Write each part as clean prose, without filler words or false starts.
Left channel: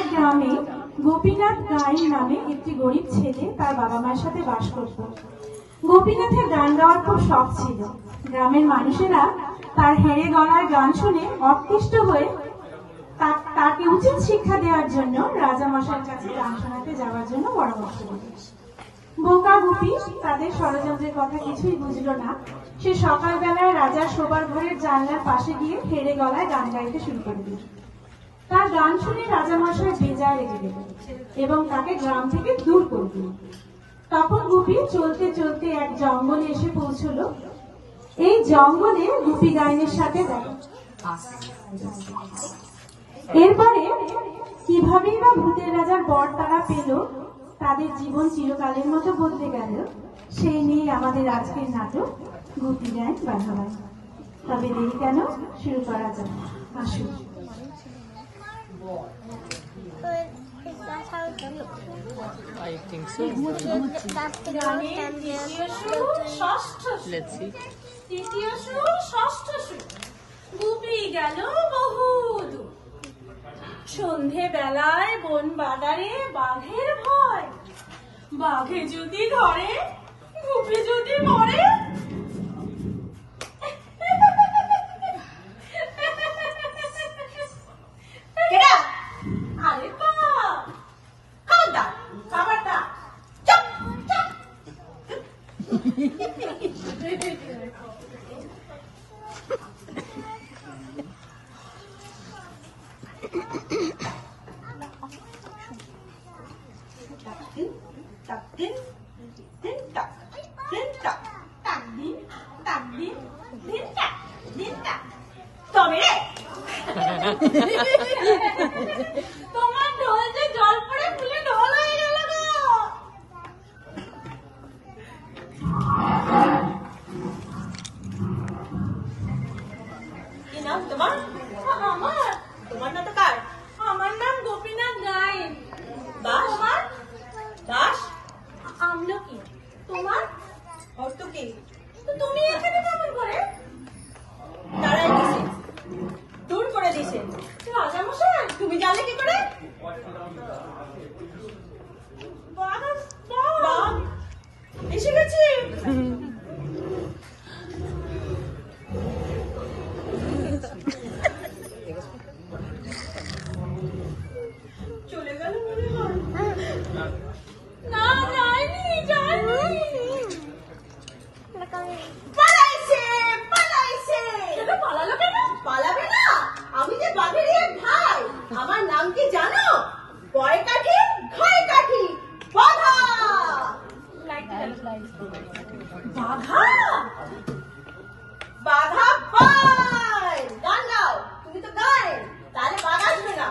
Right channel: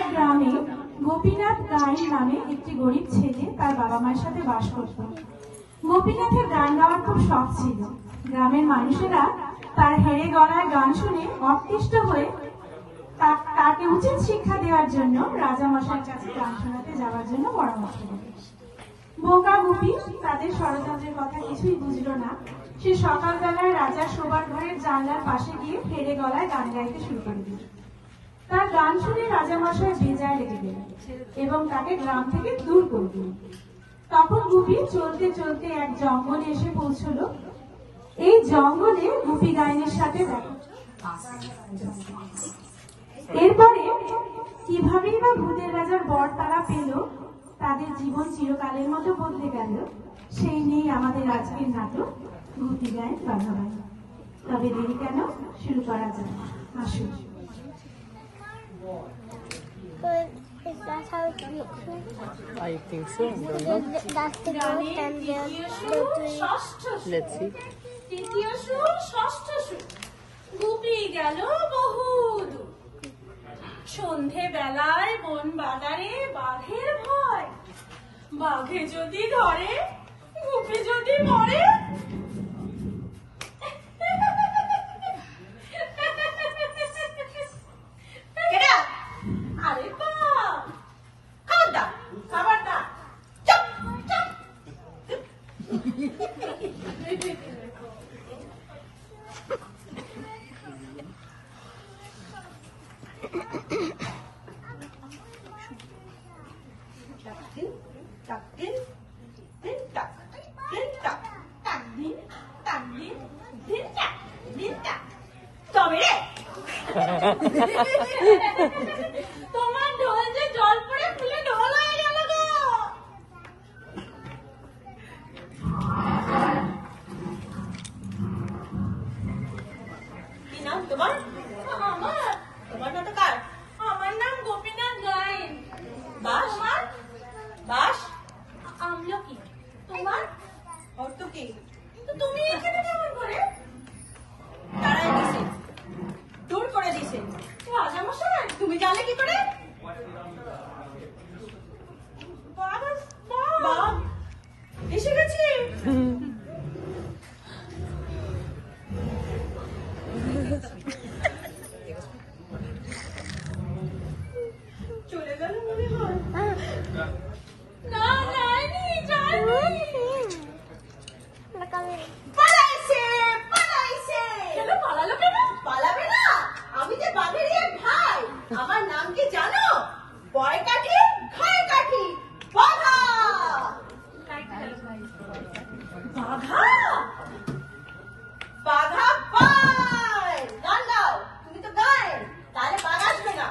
এক গ্রামে গোপীনাথ গায়েন নামে একটি গরিব ছেলে তার বাবা মায়ের সাথে বাস করত। গোপীনাথের গান গাওয়ার খুব শখ ছিল। গ্রামের মানুষেরা তার হেরে গলায় গান শুনে অতিষ্ঠ হয়ে তাকে উচিত শিক্ষা দেওয়ার জন্য রাজামশাইয়ের কাছে গান শোনাতে যাওয়ার জন্য পরামর্শ দিল। বোকা গোপী তাদের ষড়যন্ত্রের কথা কিছুই বুঝল না। সে সকালবেলায় রাজার শোবার ঘরের জানলার পাশে গিয়ে হেরে গলায় গান গাইতে শুরু করে দিল। তার গান শুনে রাজামশাই বেজায় রেগে গেল এবং তাকে গ্রাম থেকে দূর করে দিল। তখন গুপি চলতে চলতে এক জঙ্গলে এসে পৌঁছল। এই জঙ্গলে গুপি গাইনের সাথে দেখা। এরপরে কিভাবেই বা ভূতের রাজার বর তারা পেল, তাদের জীবন চিরকালের মতো বলতে গেল, সেই নিয়ে আমাদের আজকের নাটক গুপি গায়েন বাঘা। তবে দেরি কেন, শুরু করা যাক। আসুন। গুপি গেল বহুদূর। সন্ধে বেলায় বন বাজারে বাঘের ভয়। বাঘে যদি ধরে, গুপি যদি মরে। আরে খাবারটা তোমার ঢোল যে জল পড়ে ফুলে ঢোল হয়ে গেল গো। কি নাম তোমার? আমার? তোমার না তো কার? আমার নাম গোপীনাথ গায়েন। বাস? বাস আমলকি। তোমার অর্থ কি? তুমি এখানে কেমন করে? তারাই দিছে, দূর করে দিছে। রাজামশাই তুমি জানলে কি করে? এসে গেছি। চলে গেল মনে হয়। না যায়নি, পালাইছে। কেন পালালো? কেন পালাবে না? আমি যে বাঘের এক ভাই। আমার নাম কি জানো? বয় কাঠি, ঘাই কাঠি, বাঘা। বাঘা? বাঘা পায়। গান গাও, তুমি তো গায়েন, তাহলে বাঘ আসবে না।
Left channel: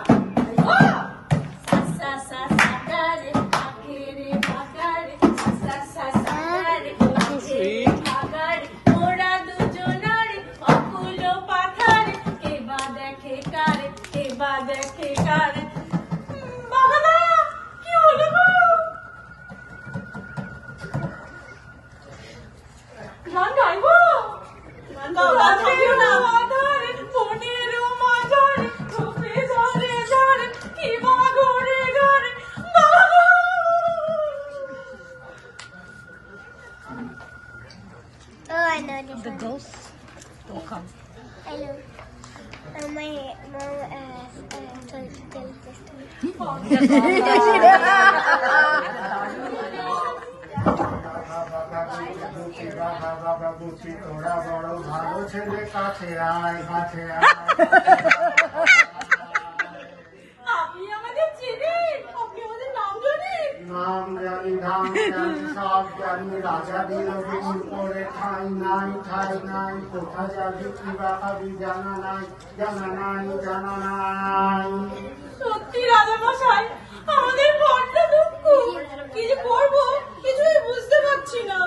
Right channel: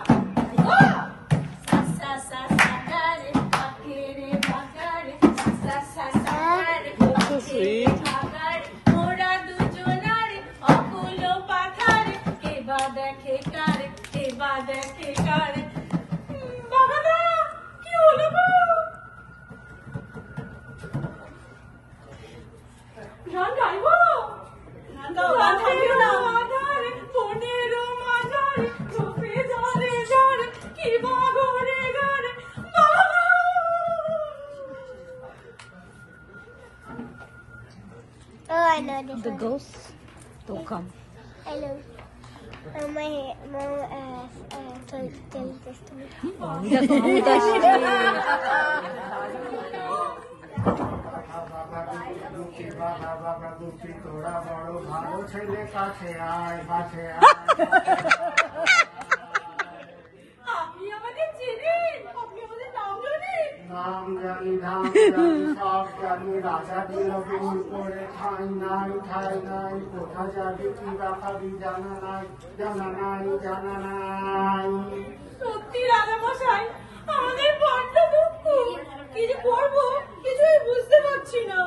The ghosts will come. My তোরা বড় ভালো ছেলে, কাছে আয়, কাছে আয়। আপনি আমাদের চিনেন? আপনি আমাদের নাম জানেন? নাম জানি, ধাম জানি, সব জানি। রাজা দিল দিন করে ঠাই নাই, ঠাই নাই। কোথা যাবি কি বা খাবি জানা নাই, জানা নাই, জানা নাই। সত্যি রাজামশাই, আমাদের বড্ড দুঃখ। কি যে করবো কিছুই বুঝতে পারছি না।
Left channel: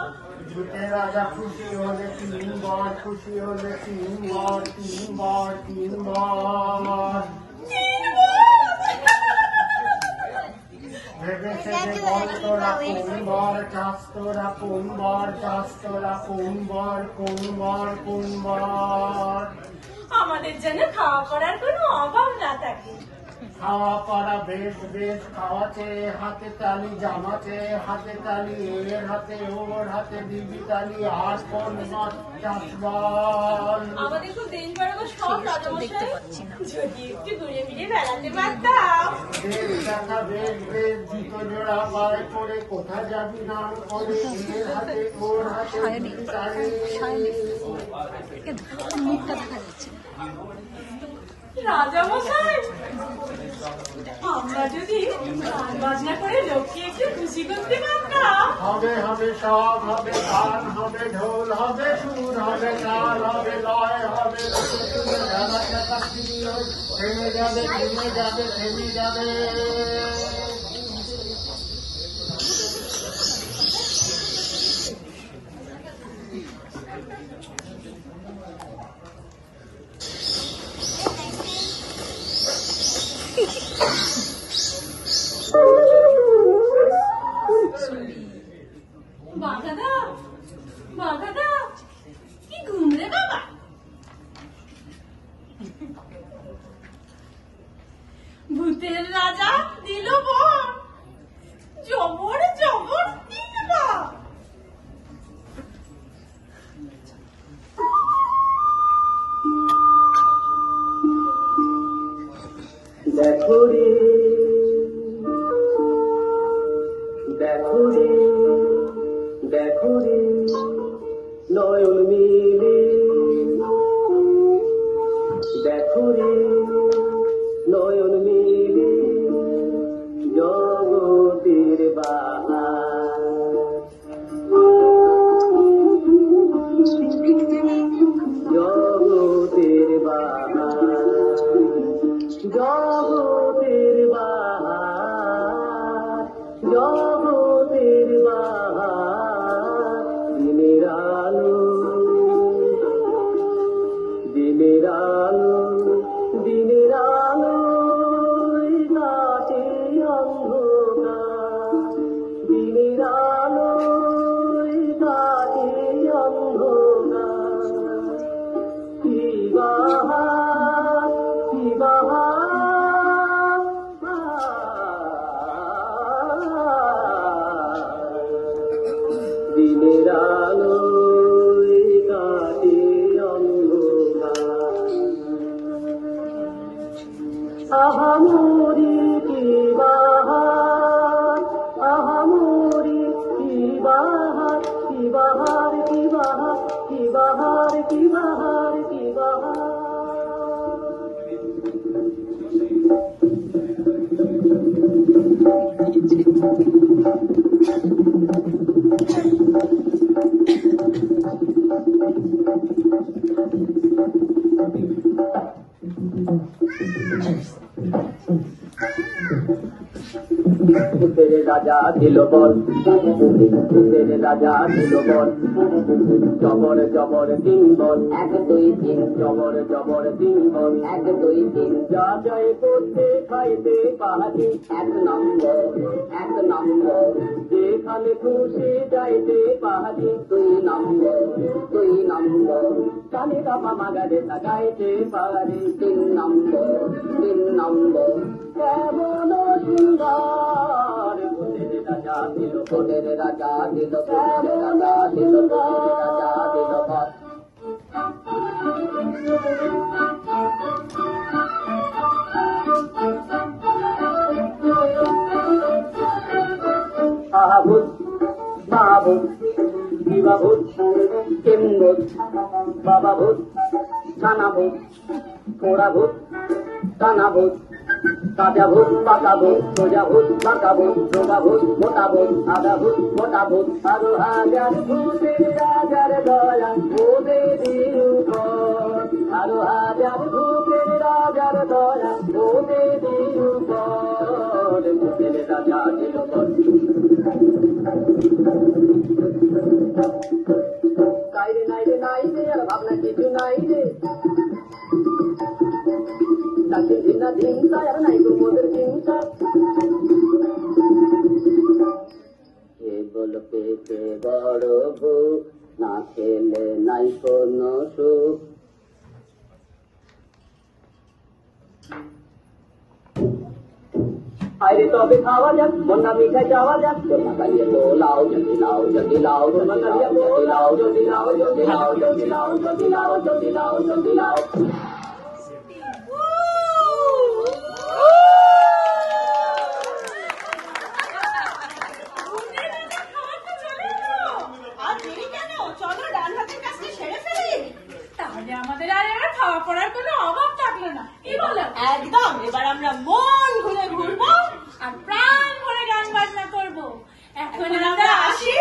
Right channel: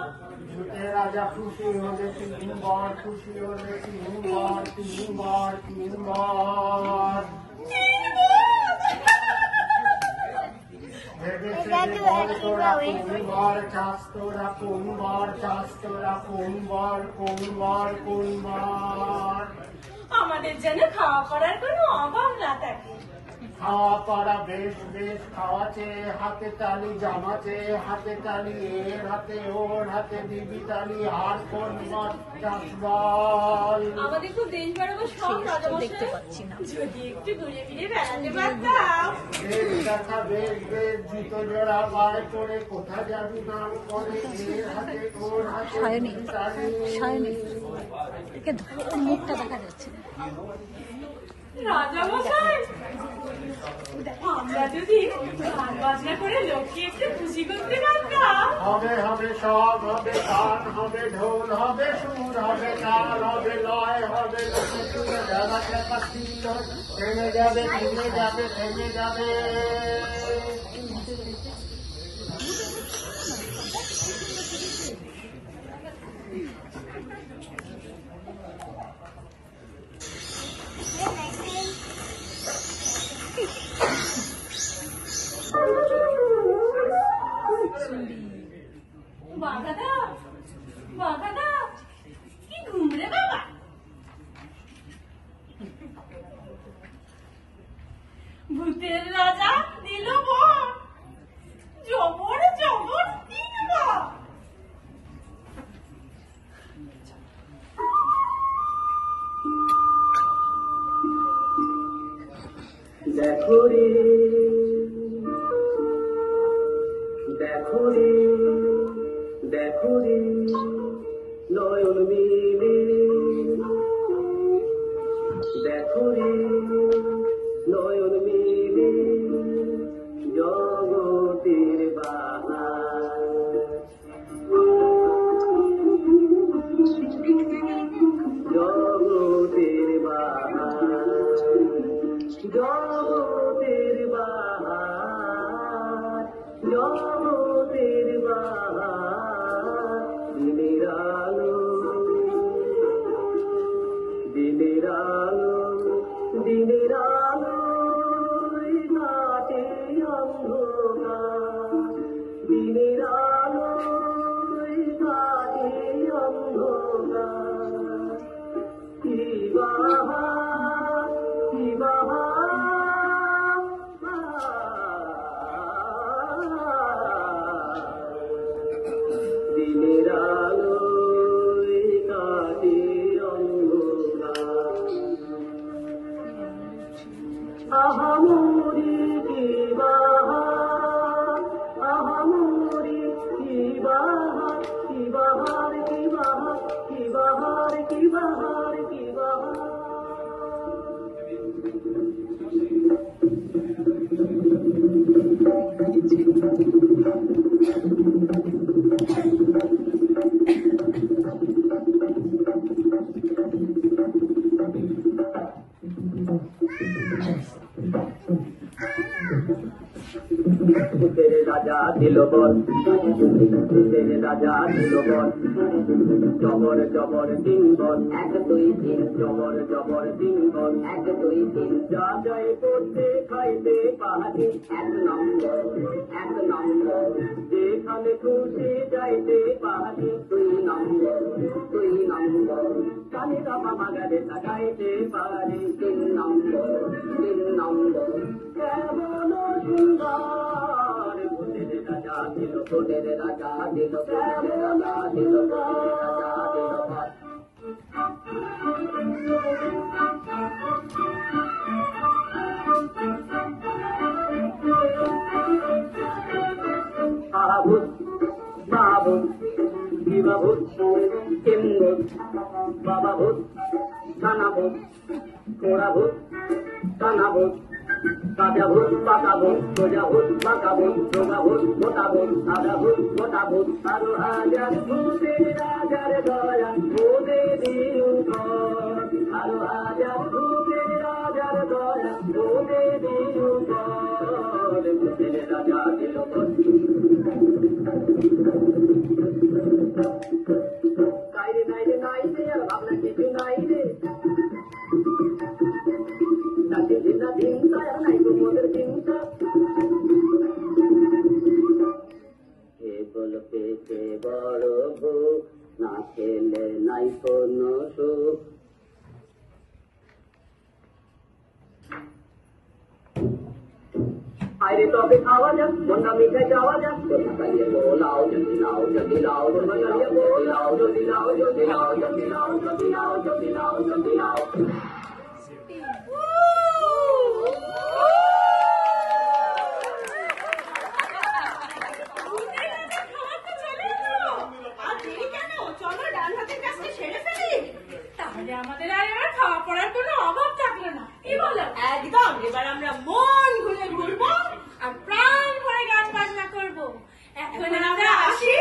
ভূতে রাজা খুশি হলে 3 বার, খুশি হলে 3 বার, 3 বার, 3 বার। ভেবে সেবে বল তোরা কোন বার চাস, তোরা কোন বার চাস, তোরা কোন বার, কোন বার, কোন বার। আমাদের যেন খাওয়া পড়ার কোনো অভাব না থাকে। খাওয়া পড়া বেশ বেশ খাওয়াছে হাতে তালি জামাতে হাতে তালি এর হাতে ওর হাতে দিবি তালি আর কোন মত চাষবল আমাদের খুব দেশ বেড়াবার সব দেখতে রাজামশাই পাচ্ছি না। যদি একটু ঘুরে ফিরে বেড়াতে পারতাম। বেশ দেখা বেশ বেশ জুতো জোড়া বার করে কোথায় যাবি নাম করে এর হাতে ওর হাতে দিবি তালি মুখটা দেখা যাচ্ছে না। রাজামশাই, আমরা যদি গান বাজনা করে লোককে একটু খুশি করতে পারতাম। হবে হবে সব হবে গান হবে ঢোল হবে সুর হবে তাল হবে লয় হবে লোকে চুলে ঝাড়া চাকা থেমে যাবে থেমে যাবে থেমে যাবে বাঘাদা, বাঘাদা, কি ঘুম রে বাবা? ভূতের রাজা দিল বর, জবর জবর তিনবার। দেখো রে দেখো রে দেখো রে নয়ন মিলে দেখো রে নয়ন মিলে জগতের বাহার জগতের বাহার জগতের বাহার জগতের বাহার দিনের আলো দিনের আলো দিনের আলো রাতে অন্ধকার দিনের আলো রাতে অন্ধকার কি বাহার কি বাহার দিনের আলো কাটে অন্ধকার আহামরি কি বাহার আহামরি কি বাহার কি বাহার কি বাহার কি বাহার কি বাহার কি বাহার तेरे राजा दिल बल तेरे राजा दिल बल जबर जबर तीन बल एक दुई तीन जबर जबर तीन बल एक दुई तीन जा जाए করতে পাইতে পাহাড়ি এক নম্বর যেখানে খুশি যাইতে পাহাড়ি দুই নম্বর কালী বাবা মাগারে গাইতে পাহাড়ি তিন নম্বর কেমন সুন্দর তোদের রাজা দিল রাজা দিল আহাভূত মহাভূত দিবাভূত কেমভূত বাবাভূত নানাভূত পোড়াভূত কানাভূত কাজাভূত পাকাভূত সোজাভূত পাকাভূত শোভাভূত মোটাভূত আধাভূত মোটাভূত আরো হাজার ভূতের রাজার দয়া ভূতে দিন আরো হাজার ভূতের রাজার দয়া ভূতে দিন ভূতের রাজা দিল নাইরে নাইরে নাইরে আর ভাবনা কিছু নাইরে চিন্তা চিন্তা আর নাই তোমাদের চিন্তা কে বলতে কে বড় বউ না খেলে নাই কোনো সুখ আরে তবে খাওয়া যাক, বন্যা মিঠাই যাওয়া যাক, তোমরা দাঁড়িয়ে লাও যদি লাও যদি লাও তোমরা দাঁড়িয়ে লাও যদি লাও যদি লাও যদি লাও যদি লাও যদি লাও যদি লাও। আর দেরি কেন? চলো ডান হাতের কাজটি সেরে ফেলি। তাহলে আমাদের আর এবার খাওয়া পড়ার কোনো অভাব থাকলো না, কি বলো? একদম, এবার আমরা মন ঘুরে ঘুরবো আর প্রাণ ভরে গান বাজনা করবো। এখন এখন আমরা আমরা আসি। আসি।